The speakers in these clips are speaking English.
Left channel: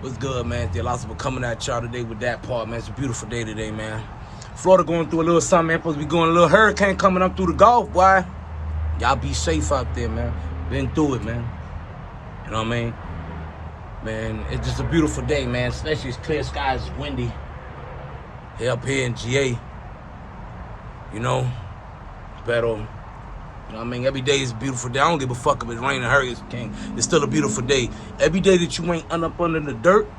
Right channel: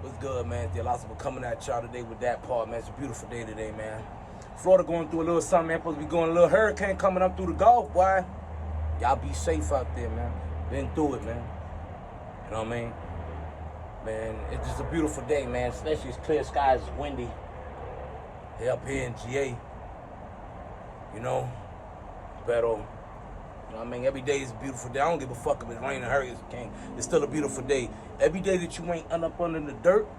What's good, man? They're lots of coming at y'all today with that part, man. It's a beautiful day today, man. Florida going through a little something, man. Supposed to be going a little hurricane coming up through the Gulf, boy. Y'all be safe out there, man. Been through it, man. You know what I mean? Man, it's just a beautiful day, man. Especially it's clear skies, it's windy. Here up here in GA. You know? But, you know what I mean? Every day is a beautiful day. I don't give a fuck if it's raining, hurricane. It's still a beautiful day. Every day that you ain't up under the dirt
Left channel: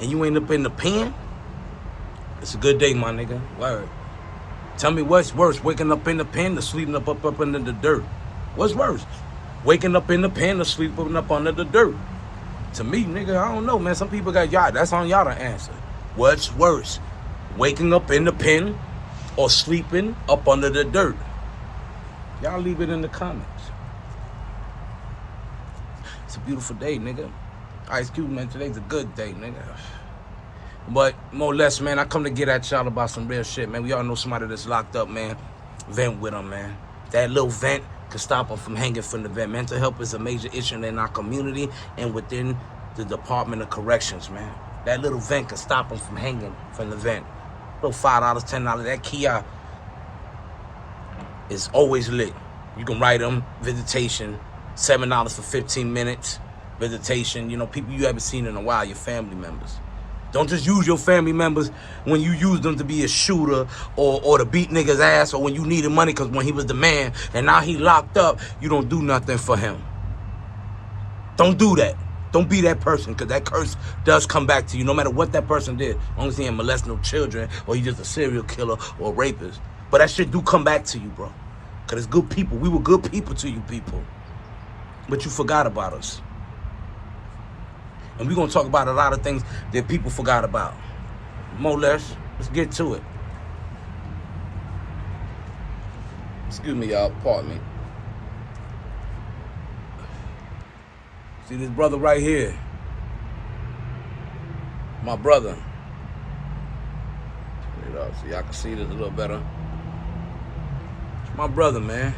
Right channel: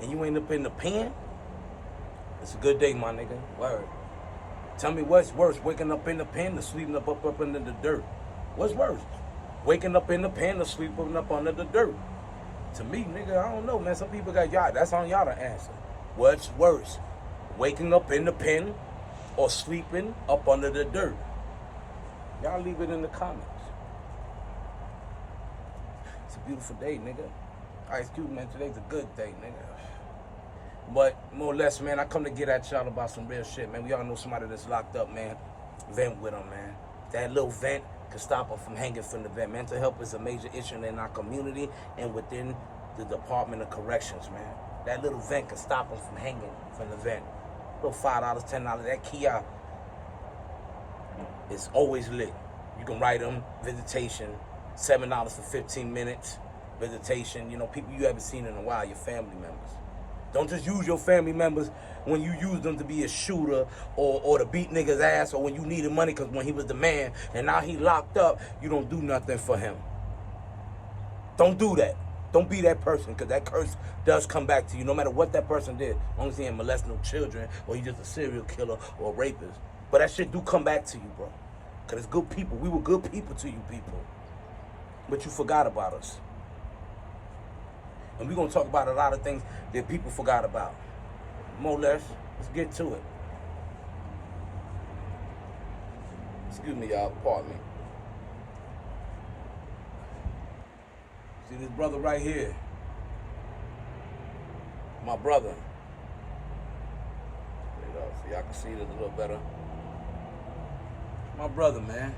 and you ain't up in the pen, it's a good day, my nigga. Word. Tell me what's worse, waking up in the pen or sleeping up under the dirt? What's worse? Waking up in the pen or sleeping up under the dirt? To me, nigga, I don't know, man. Some people got y'all. That's on y'all to answer. What's worse? Waking up in the pen or sleeping up under the dirt? Y'all leave it in the comments. It's a beautiful day, nigga. Ice Cube, man, today's a good day, nigga. But more or less, man, I come to get at y'all about some real shit, man. We all know somebody that's locked up, man. Vent with them, man. That little vent can stop them from hanging from the vent. Mental health is a major issue in our community and within the Department of Corrections, man. That little vent can stop them from hanging from the vent. Little $5, $10, that Kia is always lit. You can write them, visitation, $7 for 15 minutes, visitation. You know, people you haven't seen in a while, your family members. Don't just use your family members when you use them to be a shooter or to beat niggas' ass or when you needed money because when he was the man and now he locked up, you don't do nothing for him. Don't do that. Don't be that person because that curse does come back to you no matter what that person did. As long as he ain't molest no children or he just a serial killer or a rapist. But that shit do come back to you, bro. Because it's good people. We were good people to you people. But you forgot about us. And we're going to talk about a lot of things that people forgot about. More or less, let's get to it. Excuse me, y'all. Pardon me. See this brother right here? My brother. Turn it up so y'all can see this a little better. My brother, man.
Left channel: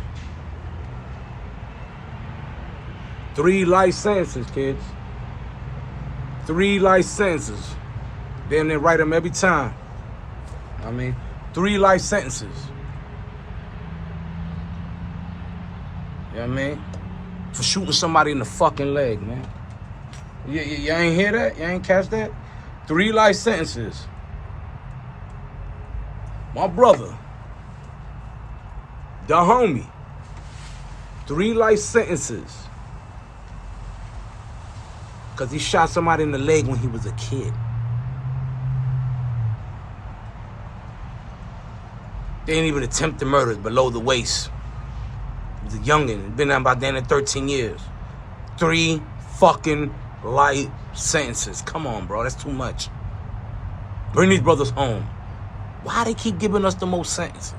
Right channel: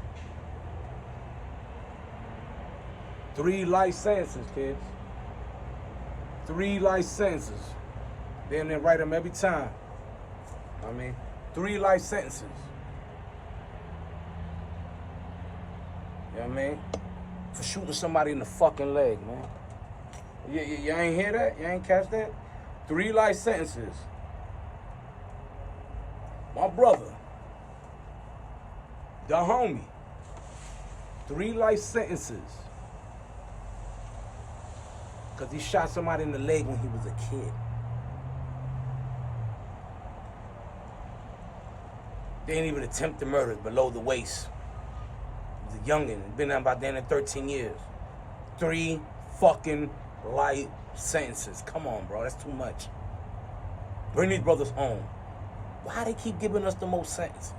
3 life sentences, kids. 3 life sentences. Then they write them every time. 3 life sentences. You know what I mean? For shooting somebody in the fucking leg, man. You ain't hear that? You ain't catch that? 3 life sentences. My brother, the homie, 3 life sentences. Because he shot somebody in the leg when he was a kid. They ain't even attempted murders below the waist. He was a youngin', been there about 13 years. 3 fucking life sentences. Come on, bro, that's too much. Bring these brothers home. Why they keep giving us the most sentences?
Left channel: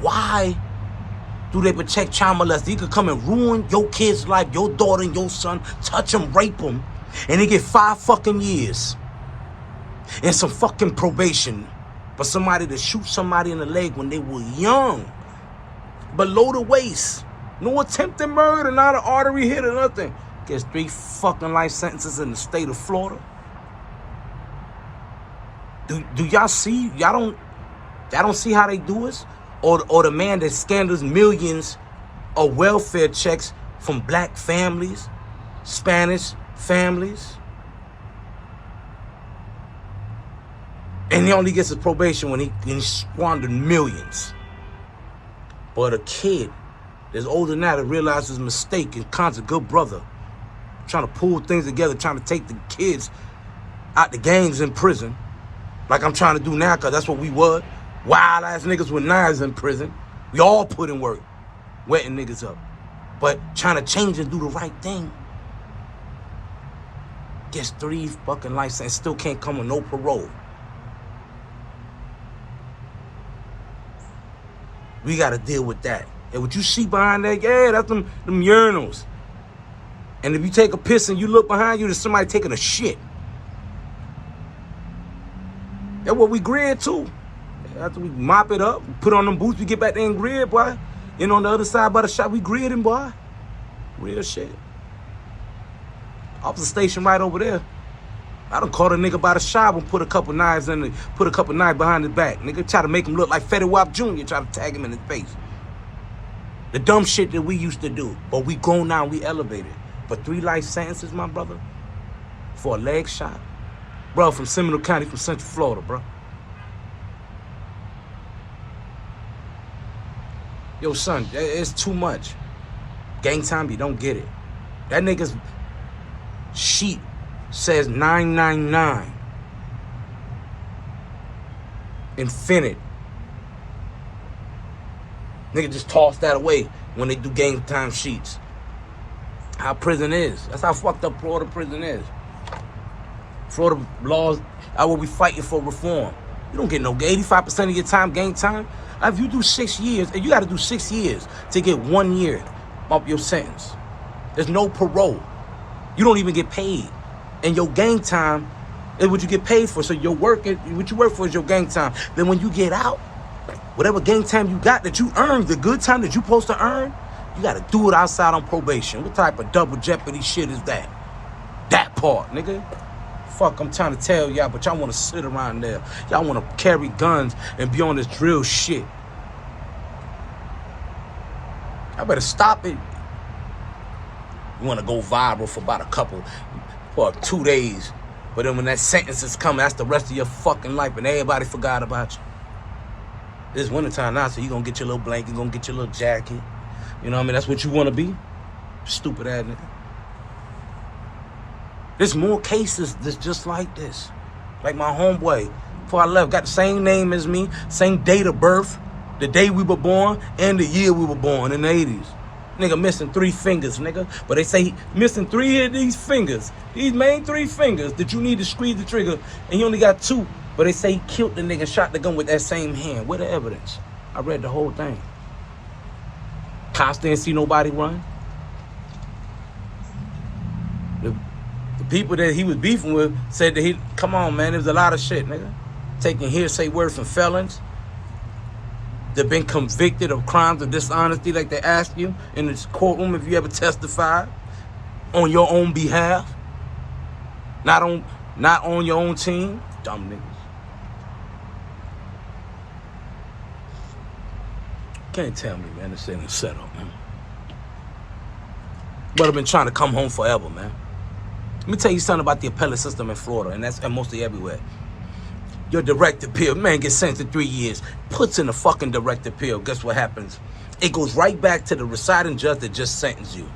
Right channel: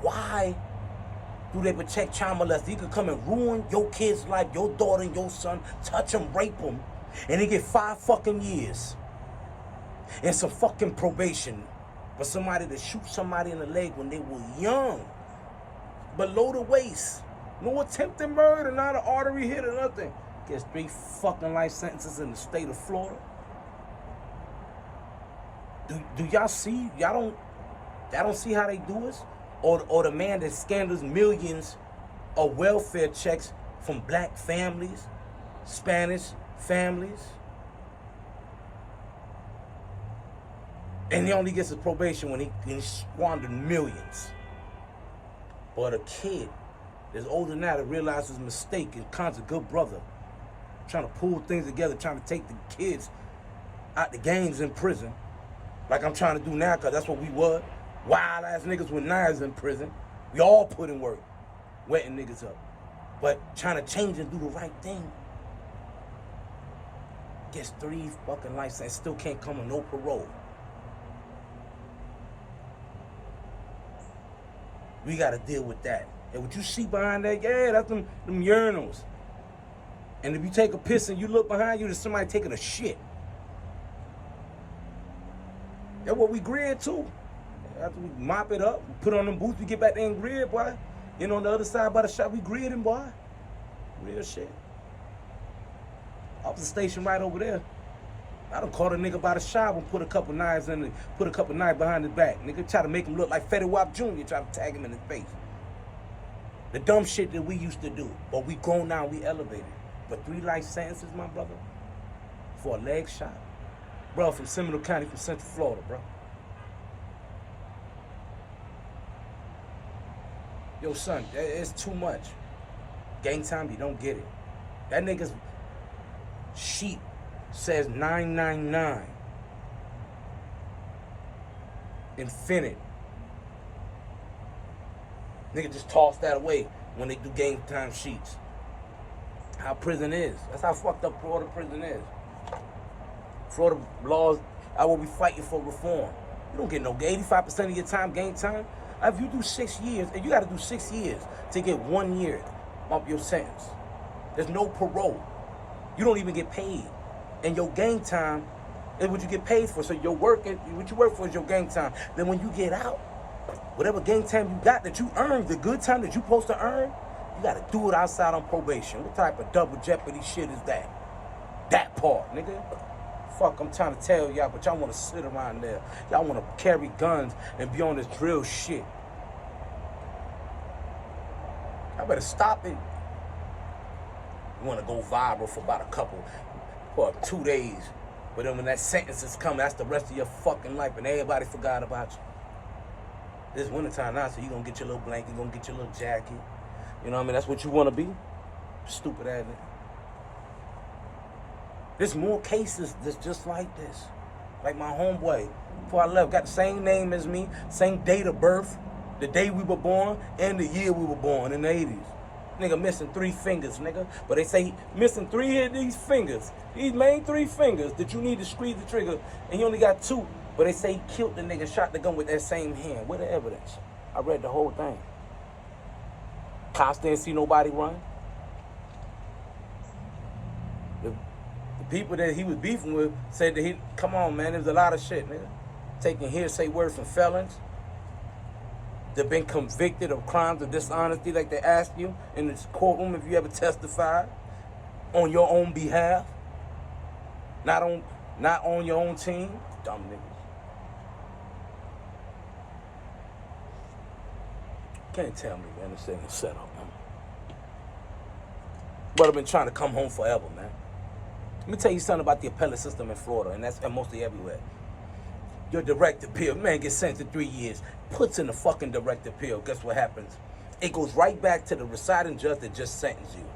Why do they protect child molesters? He could come and ruin your kid's life, your daughter and your son, touch him, rape him, and they get 5 fucking years and some fucking probation for somebody to shoot somebody in the leg when they were young, below the waist. No attempted murder, not an artery hit or nothing. Gets 3 fucking life sentences in the state of Florida. Do y'all see? Y'all don't see how they do us? Or the man that scandals millions of welfare checks from black families, Spanish families. And he only gets his probation when he squandered millions. But a kid that's older now that realizes his mistake and Khan's a good brother, trying to pull things together, trying to take the kids out the gangs in prison, like I'm trying to do now, because that's what we were. Wild ass niggas with knives in prison. We all put in work, wetting niggas up. But trying to change and do the right thing. Gets 3 fucking life sentences, still can't come with no parole. We gotta deal with that. And what you see behind that, yeah, that's them urinals. And if you take a piss and you look behind you, there's somebody taking a shit. That's what we grid too. After we mop it up, put on them boots, we get back there and grid, boy. And on the other side by the shop, we gridding, boy. Real shit. Officer station right over there. I done caught a nigga by the shop and put a couple knives behind his back. Nigga try to make him look like Fetty Wap Jr. Try to tag him in his face. The dumb shit that we used to do. But we grown now, we elevated. But 3 life sentences, my brother, for a leg shot. Bro, from Seminole County, from Central Florida, bro. Yo, son, it's too much. Gang time, you don't get it. That nigga's sheet says 999. Infinite. Nigga just toss that away when they do game time sheets. How prison is. That's how fucked up Florida prison is. Florida laws are what we fighting for reform. You don't get no 85% of your time gang time. If you do 6 years, and you got to do 6 years to get 1 year off your sentence. There's no parole. You don't even get paid. And your gang time is what you get paid for. So your work, what you work for is your gang time. Then when you get out, whatever gang time you got that you earned, the good time that you supposed to earn, you got to do it outside on probation. What type of double jeopardy shit is that? That part, nigga. Fuck, I'm trying to tell y'all, but y'all want to sit around there. Y'all want to carry guns and be on this drill shit. I better stop it. You want to go viral for 2 days. But then when that sentence is coming, that's the rest of your fucking life, and everybody forgot about you. It's wintertime now, so you going to get your little blanket, you going to get your little jacket. You know what I mean? That's what you want to be. Stupid ass nigga. There's more cases that's just like this. Like my homeboy, before I left, got the same name as me, same date of birth, the day we were born, and the year we were born, in the 80s. Nigga missing 3 fingers, nigga. But they say missing 3 of these fingers, these main 3 fingers that you need to squeeze the trigger, and you only got 2. But they say he killed the nigga, shot the gun with that same hand. Where the evidence? I read the whole thing. Cops didn't see nobody run. The people that he was beefing with said that come on, man, there's a lot of shit, nigga. Taking hearsay words from felons. They've been convicted of crimes of dishonesty like they ask you in this courtroom if you ever testified on your own behalf. Not on your own team. Dumb niggas. Can't tell me, man, this ain't a setup, man. But I've been trying to come home forever, man. Let me tell you something about the appellate system in Florida, and that's mostly everywhere. Your direct appeal, man, gets sentenced to 3 years, puts in a fucking direct appeal. Guess what happens? It goes right back to the residing judge that just sentenced you.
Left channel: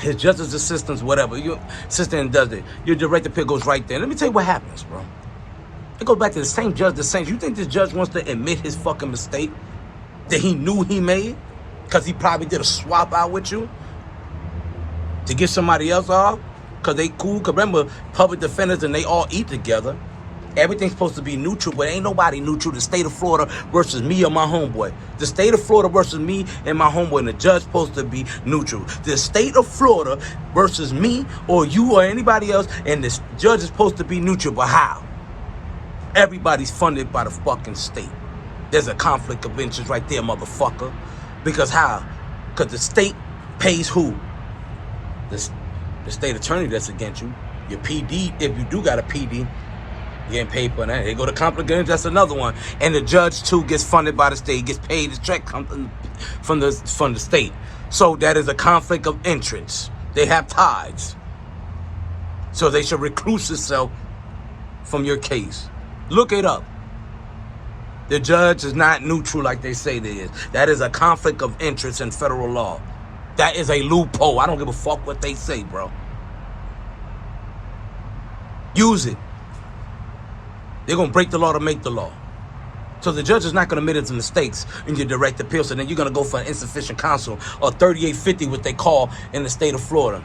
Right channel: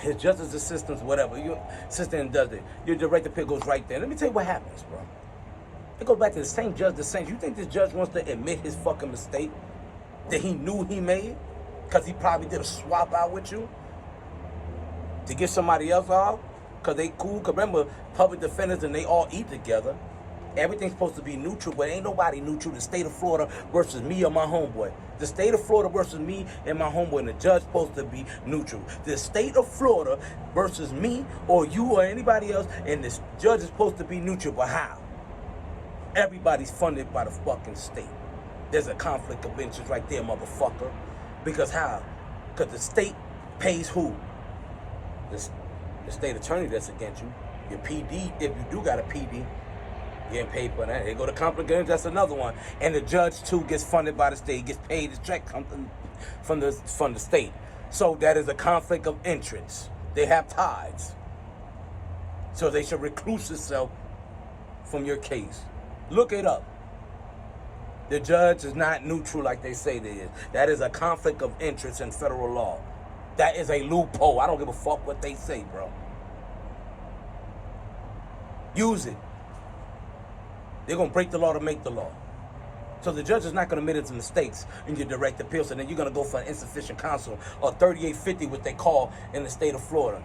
His justice assistants, whatever, your assistant does it. Your direct appeal goes right there. Let me tell you what happens, bro. It goes back to the same judge that sentenced you. You think this judge wants to admit his fucking mistake that he knew he made? Because he probably did a swap out with you to get somebody else off? Because they cool? Because remember, public defenders and they all eat together. Everything's supposed to be neutral, but ain't nobody neutral. The state of Florida versus me or my homeboy. The state of Florida versus me and my homeboy, and the judge supposed to be neutral. The state of Florida versus me or you or anybody else, and the judge is supposed to be neutral, but how? Everybody's funded by the fucking state. There's a conflict of interest right there, motherfucker. Because how? Because the state pays who? The state attorney that's against you. Your PD, if you do got a PD, you getting paid for that. They go to conflict of interest, that's another one. And the judge too gets funded by the state, gets paid, his check comes from the state. So that is a conflict of interest. They have ties. So they should recluse themselves from your case. Look it up. The judge is not neutral like they say they is. That is a conflict of interest in federal law. That is a loophole. I don't give a fuck what they say, bro. Use it. They're going to break the law to make the law. So the judge is not going to admit its mistakes in your direct appeal. So then you're going to go for an insufficient counsel or 3850, what they call in the state of Florida.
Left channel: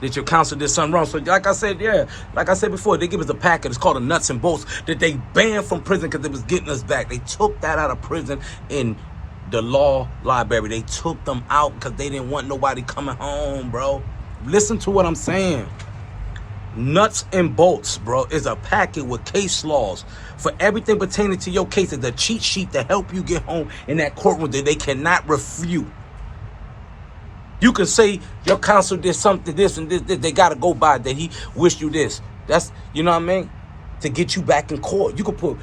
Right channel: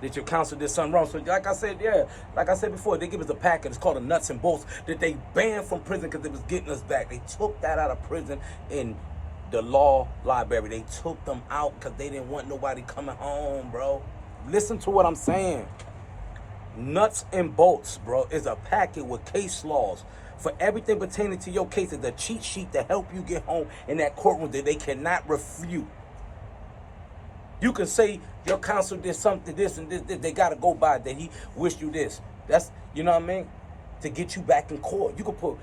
That your counsel did something wrong. So like I said, like I said before, they give us a packet. It's called a nuts and bolts that they banned from prison because it was getting us back. They took that out of prison in the law library. They took them out because they didn't want nobody coming home, bro. Listen to what I'm saying. Nuts and bolts, bro, is a packet with case laws for everything pertaining to your case. It's a cheat sheet to help you get home in that courtroom that they cannot refute. You can say your counsel did something, this and this. They got to go by that he wished you this. That's, you know what I mean? To get you back in court. You could put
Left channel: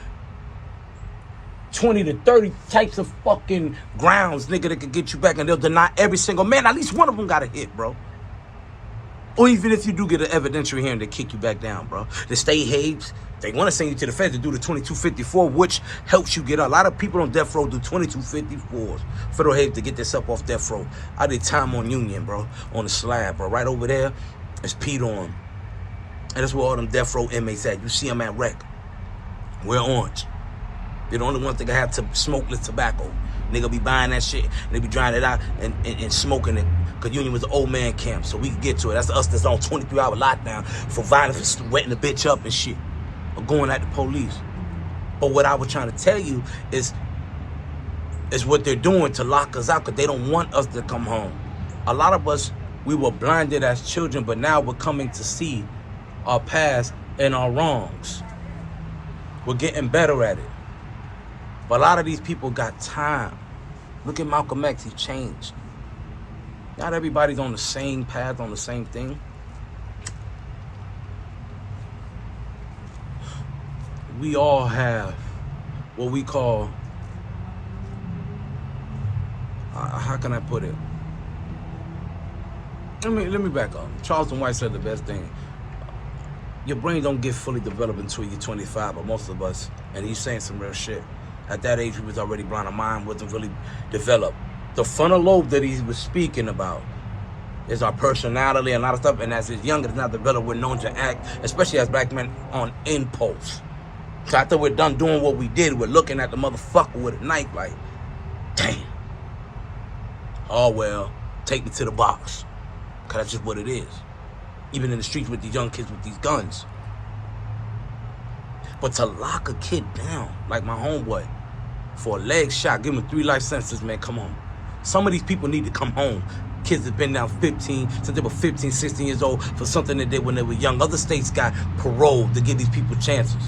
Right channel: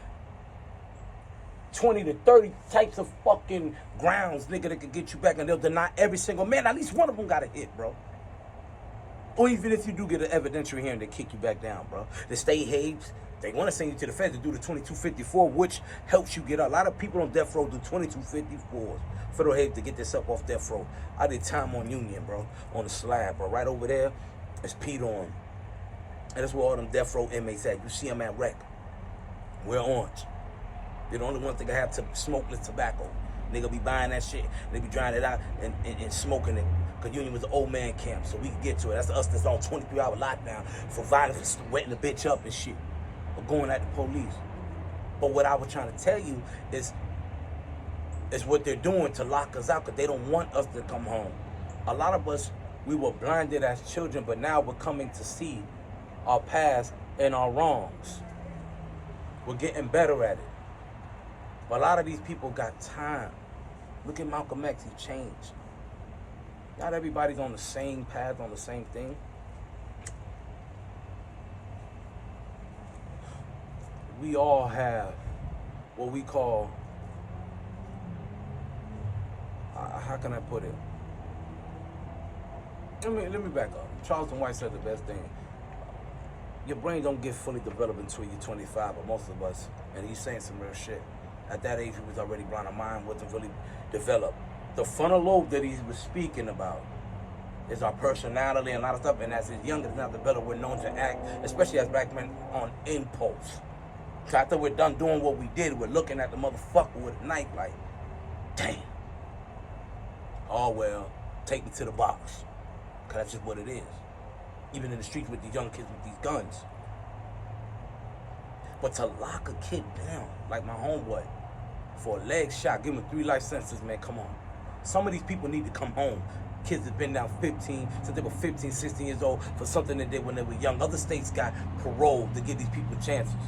20 to 30 types of fucking grounds, nigga, that could get you back, and they'll deny every single man. At least one of them got a hit, bro. Or even if you do get an evidentiary hearing, they kick you back down, bro. The state hates. They want to send you to the feds to do the 2254, which helps you get out. A lot of people on death row do 2254s. Federal hate to get themselves off death row. I did time on Union, bro, on the slab, bro. Right over there, it's Pete on. And that's where all them death row inmates at. You see them at rec. We're orange. They're the only ones that can have smokeless tobacco. Nigga be buying that shit, and they be drying it out and smoking it. Because Union was the old man camp, so we can get to it. That's us that's on 23-hour lockdown for violence, for wetting the bitch up and shit. Or going at the police. But what I was trying to tell you is what they're doing to lock us out, because they don't want us to come home. A lot of us, we were blinded as children, but now we're coming to see our past and our wrongs. We're getting better at it. But a lot of these people got time. Look at Malcolm X, he changed. Not everybody's on the same path, on the same thing. We all have what we call, how can I put it? Let me back up. Charleston White said the best thing. Your brain don't get fully developed until you're 25, but most of us, and he's saying some real shit. At that age, we was already blind. Our mind wasn't really developed. The frontal lobe that he was speaking about is our personality and a lot of stuff. And as it's younger, it's not developed, we're known to act, especially as black men, on impulse. So after we're done doing what we did, we're looking at the motherfucker with a knife like, damn. Oh, well, take me to the box. Because that's just what it is. Even in the streets with these young kids with these guns. But to lock a kid down, like my homeboy, for a leg shot, give him 3 life sentences, man, come on. Some of these people need to come home. Kids have been down 15, since they were 15, 16 years old for something they did when they were young. Other states got parole to give these people chances.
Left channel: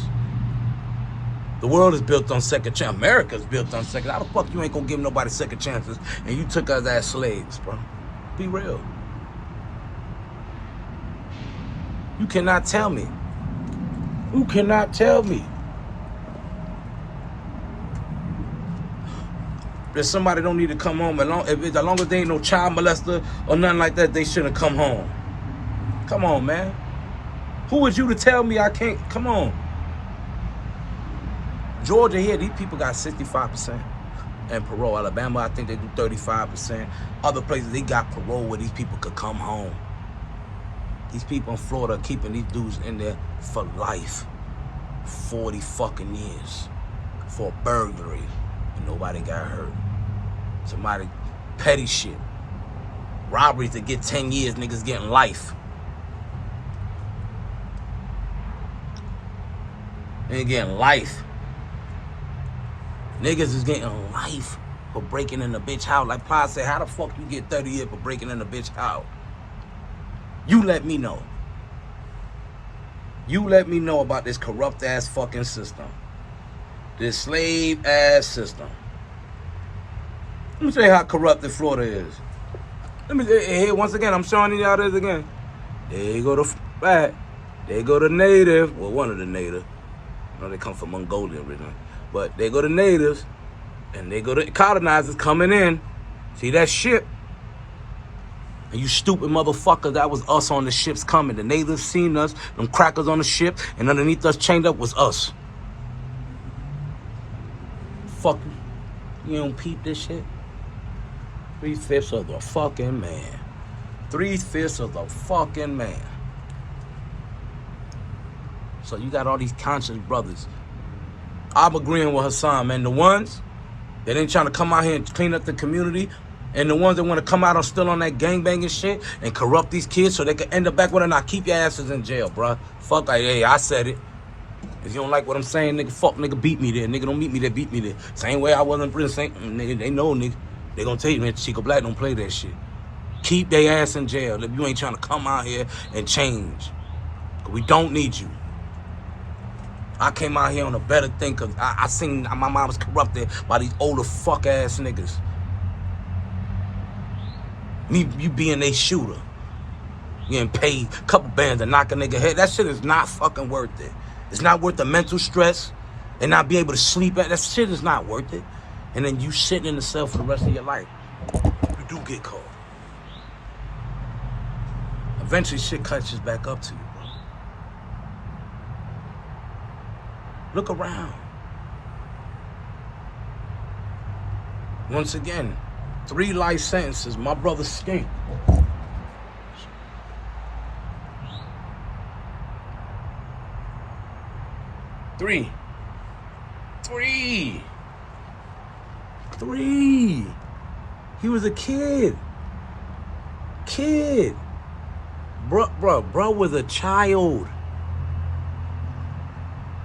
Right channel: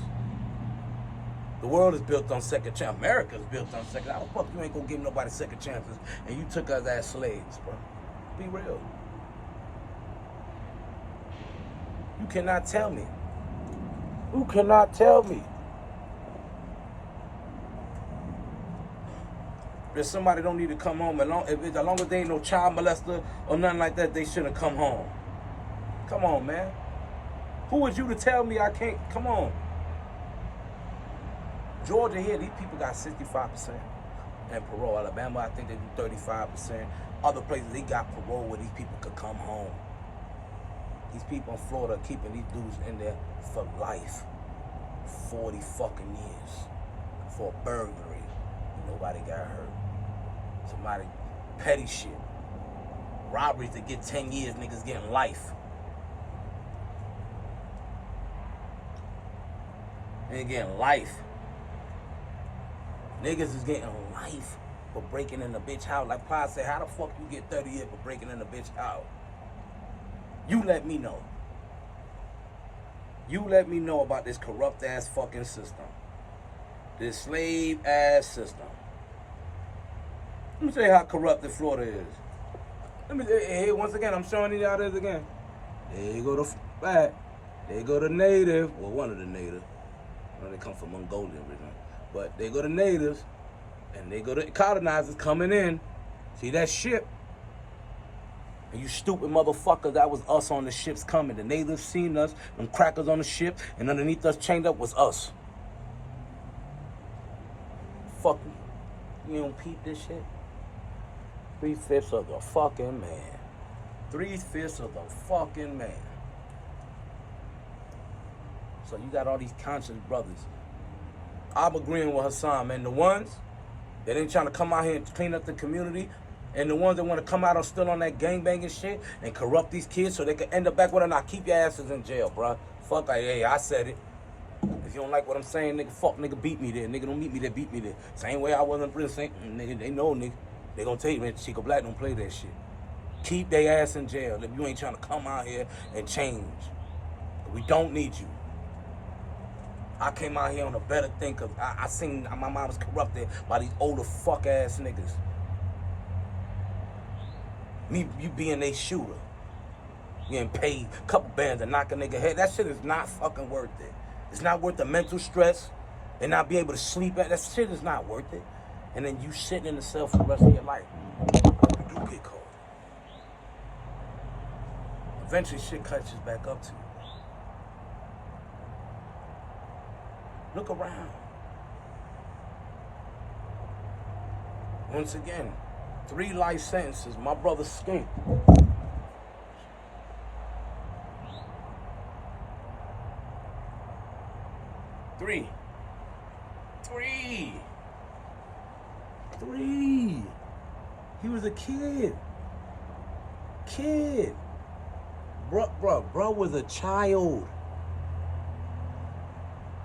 The world is built on second chance. America's built on second. How the fuck you ain't gonna give nobody second chances and you took us as slaves, bro? Be real. You cannot tell me. You cannot tell me that somebody don't need to come home. As long as they ain't no child molester or nothing like that, they shouldn't come home. Come on, man. Who was you to tell me I can't? Come on. Georgia here, these people got 65% and parole. Alabama, I think they do 35%. Other places, they got parole where these people could come home. These people in Florida are keeping these dudes in there for life. 40 fucking years for a burglary and nobody got hurt. Somebody, petty shit. Robberies that get 10 years, niggas getting life. They getting life. Niggas is getting life for breaking in a bitch house. Like Pa said, how the fuck you get 30 years for breaking in a bitch house? You let me know. You let me know about this corrupt ass fucking system. This slave ass system. Let me tell you how corrupted Florida is. Let me here once again, I'm showing y'all this again. There you go to back. There you go to native. Well, one of the natives. I know they come from Mongolia originally. But they go to natives and they go to colonizers coming in. See that ship? And you stupid motherfucker, that was us on the ships coming. The natives seen us, them crackers on the ship, and underneath us chained up was us. Fuck you don't peep this shit? 3/5 of the fucking man. 3/5 of the fucking man. So you got all these conscious brothers. I'm agreeing with Hassan, man. The ones that ain't trying to come out here and clean up the community, and the ones that want to come out and still on that gangbanging shit and corrupt these kids so they can end up back with it, not keep your asses in jail, bruh. Fuck, hey, I said it. If you don't like what I'm saying, nigga, fuck, nigga, beat me there. Nigga, don't meet me there, beat me there. Same way I was in prison, same, nigga, they know, nigga. They gonna tell you, man, Chico Black don't play that shit. Keep their ass in jail if you ain't trying to come out here and change. We don't need you. I came out here on a better thing because I seen my mom was corrupted by these older fuck-ass niggas. You being a shooter. You getting paid a couple bands to knock a nigga head. That shit is not fucking worth it. It's not worth the mental stress and not be able to sleep at. That shit is not worth it. And then you sitting in the cell for the rest of your life. You do get caught. Eventually shit catches back up to you, bro. Look around. Once again, 3 life sentences. My brother Skink. Three. He was a kid. Bro was a child.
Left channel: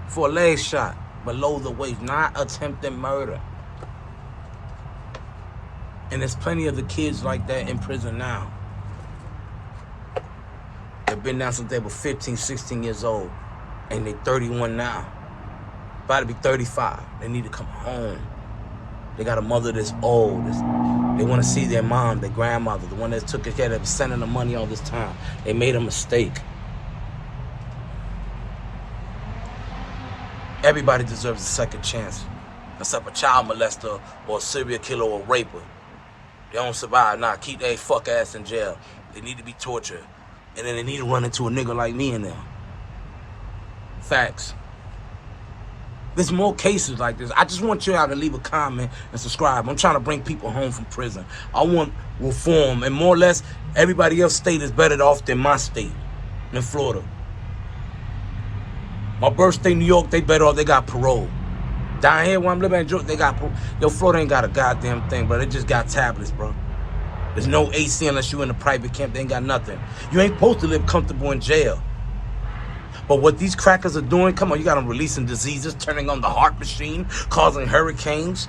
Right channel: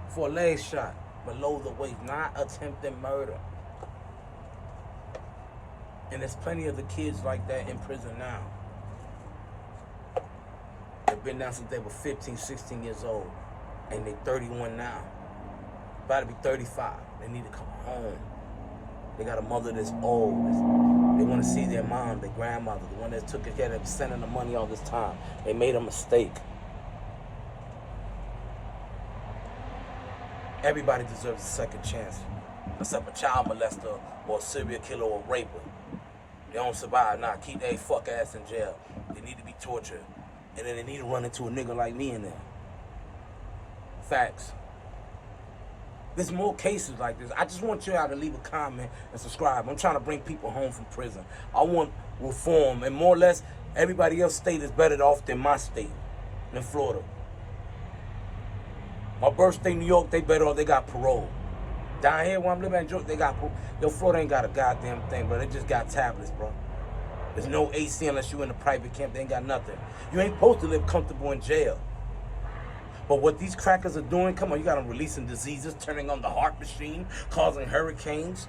For a leg shot below the waist, not attempted murder. And there's plenty of the kids like that in prison now. They've been down since they were 15, 16 years old. And they're 31 now. About to be 35. They need to come home. They got a mother that's old. They want to see their mom, their grandmother, the one that took care of them, sending them money all this time. They made a mistake. Everybody deserves a second chance. Except a child molester or a serial killer or a raper. They don't survive. Nah, keep their fuck ass in jail. They need to be tortured. And then they need to run into a nigga like me in there. Facts. There's more cases like this. I just want you all to leave a comment and subscribe. I'm trying to bring people home from prison. I want reform. And more or less, everybody else's state is better off than my state, in Florida. My birth state, New York, they better off. They got parole. Down here where I'm living in Georgia, they got parole. Yo, Florida ain't got a goddamn thing, bro. They just got tablets, bro. There's no AC unless you in a private camp. They ain't got nothing. You ain't supposed to live comfortable in jail. But what these crackers are doing, come on, you got them releasing diseases, turning on the heart machine, causing hurricanes,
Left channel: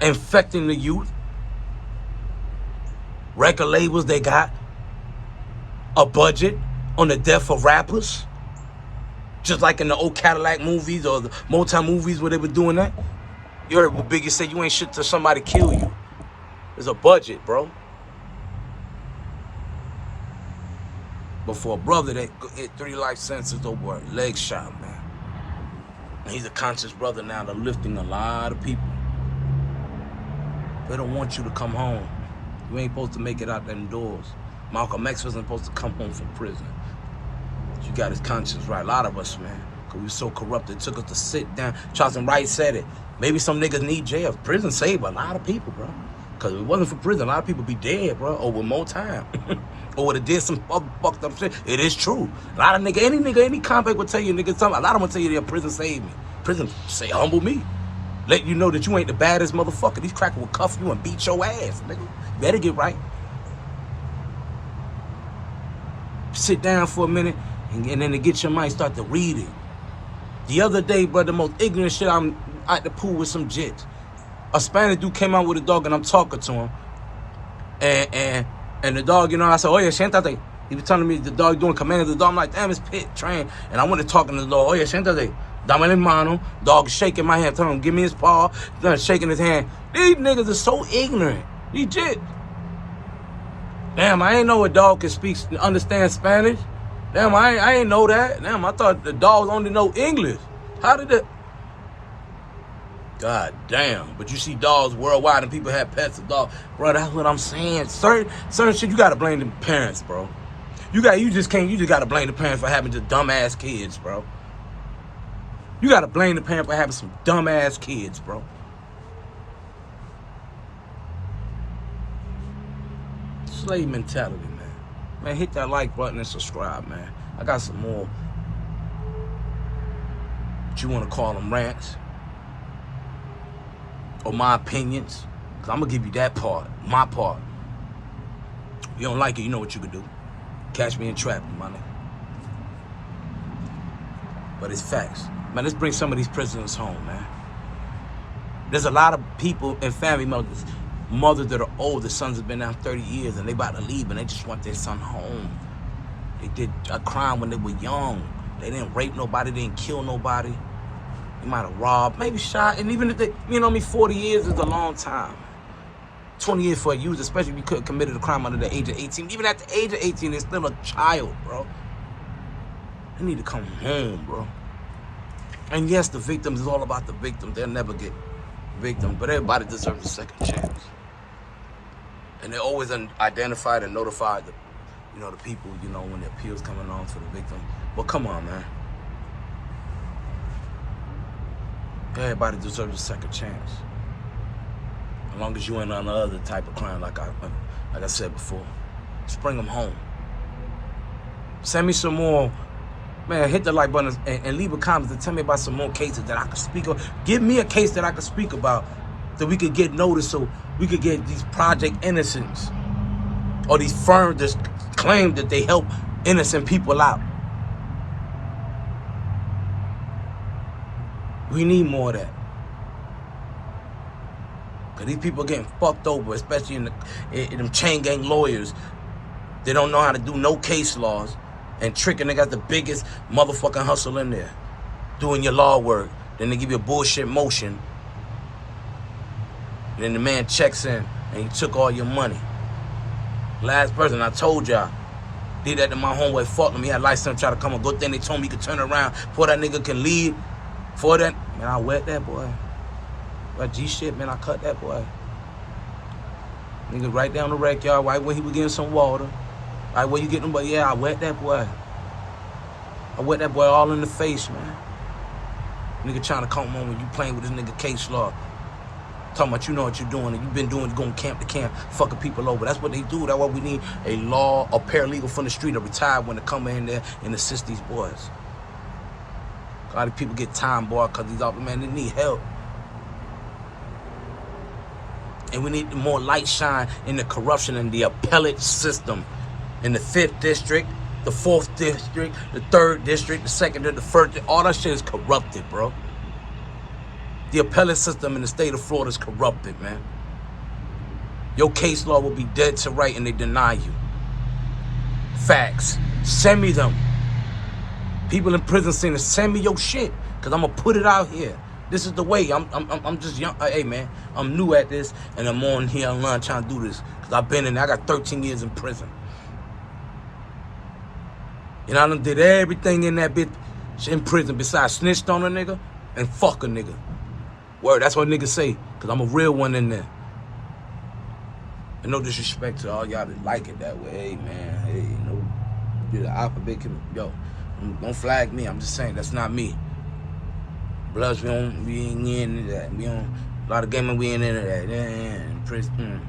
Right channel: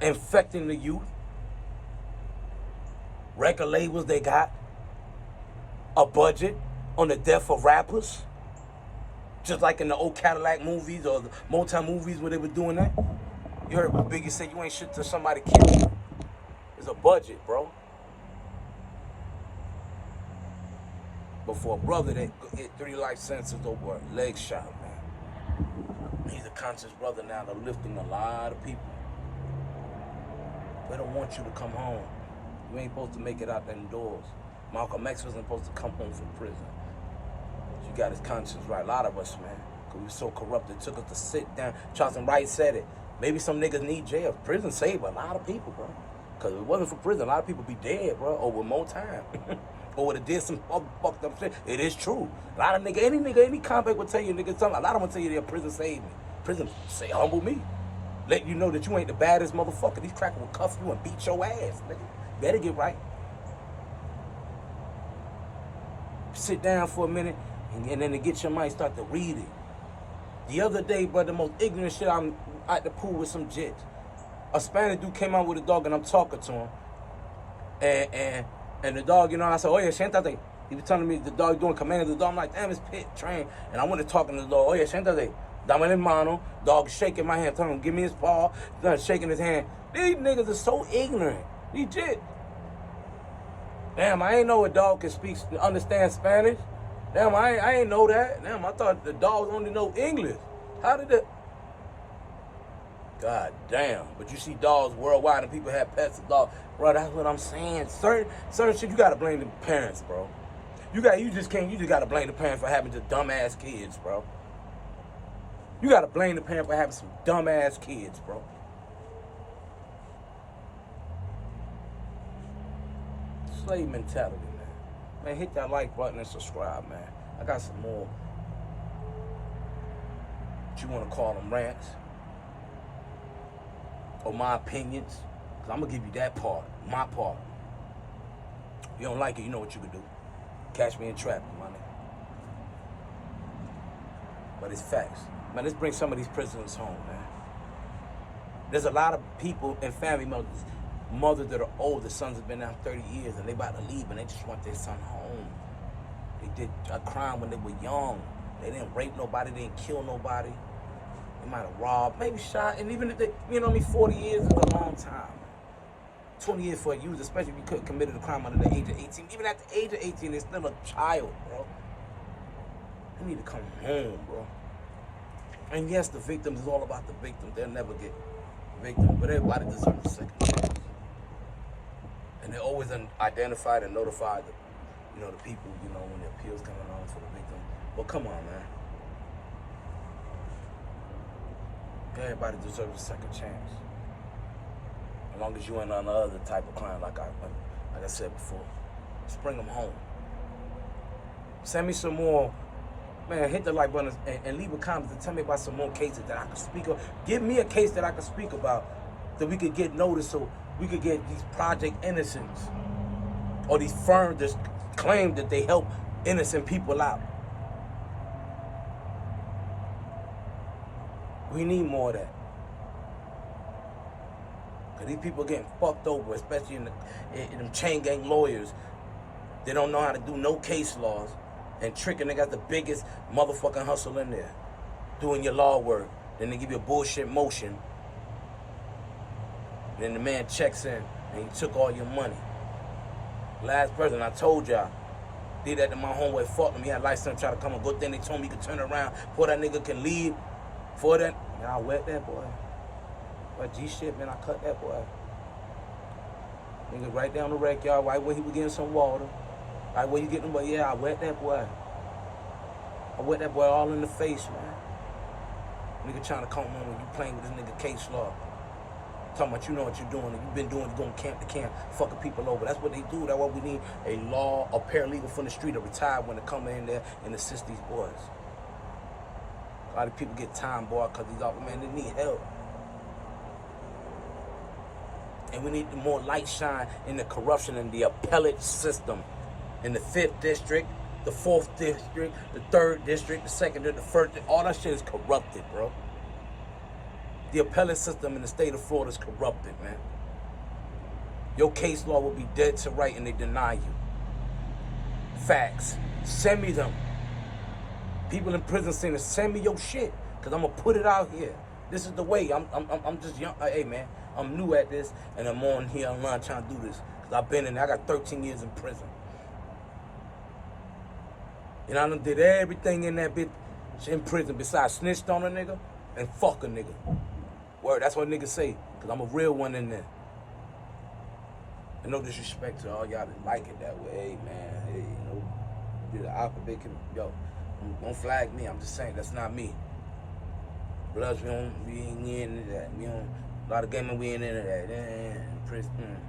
infecting the youth. Record labels, they got a budget on the death of rappers. Just like in the old Cadillac movies or the Motown movies where they were doing that. You heard what Biggie said, you ain't shit till somebody kill you. There's a budget, bro. But for a brother that hit 3 life sentences over a leg shot, man. And he's a conscious brother now that's lifting a lot of people. They don't want you to come home. You ain't supposed to make it out them doors. Malcolm X wasn't supposed to come home from prison. You got his conscience right. A lot of us, man. Because we were so corrupted. It took us to sit down. Charleston Wright said it. Maybe some niggas need jail. Prison saved a lot of people, bro. Because if it wasn't for prison, a lot of people be dead, bro. Or with more time. Or would have did some fucked up shit. It is true. A lot of any convict will tell you, nigga, something. A lot of them will tell you that prison saved me. Prison say, humble me. Let you know that you ain't the baddest motherfucker. These crackers will cuff you and beat your ass, nigga. You better get right. Sit down for a minute, and then to get your mind, start to read it. The other day, bro, the most ignorant shit, I'm at the pool with some jits. A Spanish dude came out with a dog, and I'm talking to him. And the dog, you know, I said, oye, siéntate. He was telling me the dog doing command of the dog. I'm like, damn, it's pit, train. And I went to talking to the dog, oye, siéntate. Dame el mano. Dog shaking my hand, telling him, give me his paw. Then shaking his hand. These niggas are so ignorant. These jits. Damn, I ain't know a dog can speak, understand Spanish. Damn, I ain't know that. Damn, I thought the dogs only know English. How did that? God damn. But you see dogs worldwide and people have pets of dogs. Bro, that's what I'm saying. Certain shit, you gotta blame the parents, bro. You just gotta blame the parents for having just dumbass kids, bro. You gotta blame the parents for having some dumbass kids, bro. Slave mentality, man. Man, hit that like button and subscribe, man. I got some more. What you want to call them, rants? Or my opinions? Because I'm going to give you that part, my part. If you don't like it, you know what you can do. Catch me in traffic, my nigga. But it's facts. Man, let's bring some of these prisoners home, man. There's a lot of people and family members that are old. The sons have been down 30 years and they about to leave and they just want their son home. They did a crime when they were young. They didn't rape nobody, they didn't kill nobody. They might have robbed, maybe shot, and even if they, 40 years is a long time. 20 years for a user, especially if you could have committed a crime under the age of 18. Even at the age of 18, they're still a child, bro. They need to come home, bro. And yes, the victims is all about the victim. They'll never get victim, but everybody deserves a second chance. And they're always identified and notified, the people, when the appeals coming on to the victim. But come on, man. Everybody deserves a second chance. As long as you ain't on the other type of crime, like I said before. Just bring them home. Send me some more. Man, hit the like button and leave a comment and tell me about some more cases that I can speak of. Give me a case that I can speak about that we could get noticed so we could get these Project Innocents or these firms that claim that they help innocent people out. We need more of that. Because these people are getting fucked over, especially in them chain gang lawyers. They don't know how to do no case laws. And tricking, they got the biggest motherfucking hustle in there. Doing your law work. Then they give you a bullshit motion. And then the man checks in and you took all your money. Last person, I told y'all. Did that to my homeboy, fucked him. He had license try to come. A good thing they told me he could turn around before that nigga can leave. For that, man, I wet that boy. That G shit, man, I cut that boy. Nigga right down the wreck yard, right where he was getting some water. Right where you getting him, but yeah, I wet that boy. I wet that boy all in the face, man. Nigga trying to come on when you playing with this nigga case law. Talking about you know what you're doing and you've been doing, going camp to camp, fucking people over. That's what they do. That's why we need a paralegal from the street, a retired one to come in there and assist these boys. A lot of people get time, boy, because these other man, they need help. And we need more light shine in the corruption in the appellate system. In the 5th district, the 4th district, the 3rd district, the 2nd, the 1st, all that shit is corrupted, bro. The appellate system in the state of Florida is corrupted, man. Your case law will be dead to right and they deny you. Facts. Send me them. People in prison saying, send me your shit, because I'm going to put it out here. This is the way. I'm just young. Hey, man, I'm new at this, and I'm on here online trying to do this, because I've been in there. I got 13 years in prison. And I done did everything in that bitch in prison besides snitched on a nigga and fuck a nigga. Word, that's what niggas say, because I'm a real one in there. And no disrespect to all y'all that like it that way. Hey, man, hey, you're the alphabet. Yo, don't flag me. I'm just saying, that's not me. Bloods, we ain't into that. We don't, a lot of gaming, we ain't into that. Yeah, prison.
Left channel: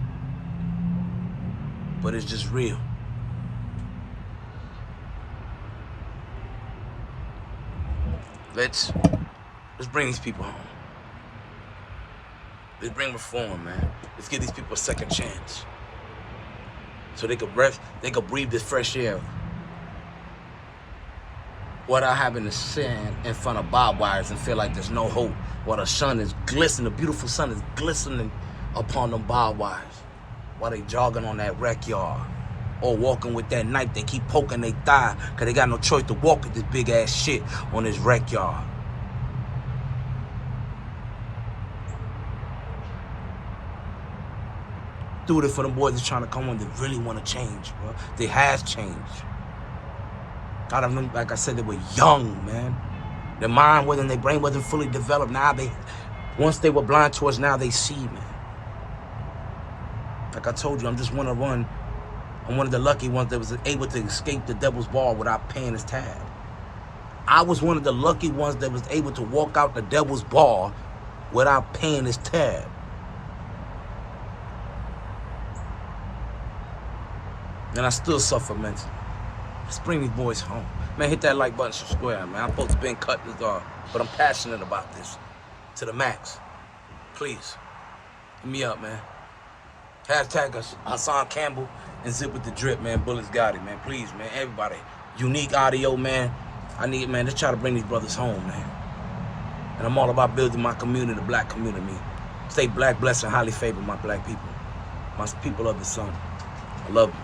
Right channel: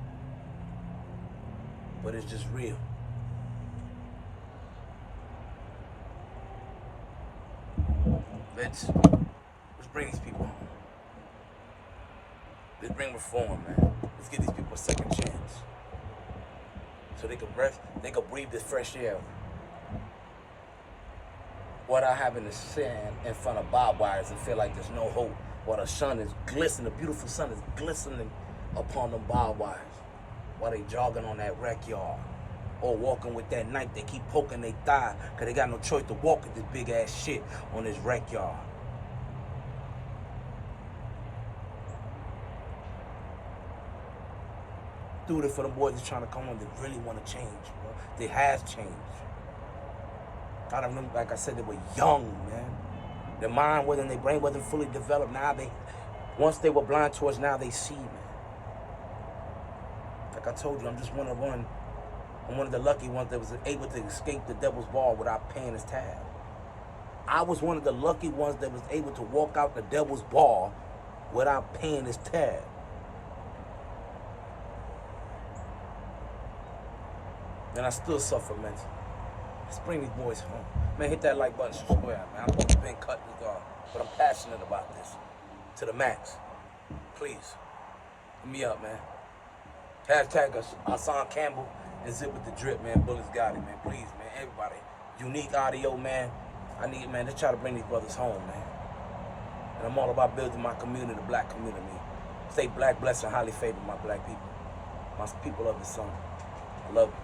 But it's just real. Let's bring these people home. Let's bring reform, man. Let's give these people a second chance. So they could breathe this fresh air. Without having to stand in front of barbed wires and feel like there's no hope. While the sun is glistening, the beautiful sun is glistening upon them barbed wires. While they jogging on that rec yard. Or walking with that knife, they keep poking their thigh because they got no choice to walk with this big ass shit on this rec yard. Do it for them boys that's trying to come on that really want to change, bro. They has changed. A lot of them, like I said, they were young, man. Their mind wasn't, their brain wasn't fully developed. Now once they were blind to us, now they see, man. Like I told you, I'm just one of the lucky ones that was able to escape the devil's ball without paying his tab. I was one of the lucky ones that was able to walk out the devil's ball without paying his tab. And I still suffer mentally. Let's bring these boys home. Man, hit that like button, subscribe, man. I'm supposed to be cut this off, but I'm passionate about this to the max. Please, hit me up, man. Hashtag us, Hassan Campbell, and Zip with the Drip, man. Bullets got it, man. Please, man, everybody. Unique audio, man. I need, man, let's try to bring these brothers home, man. And I'm all about building my community, the black community. Stay black, blessed, and highly favored, my black people. My people of the sun. I love you.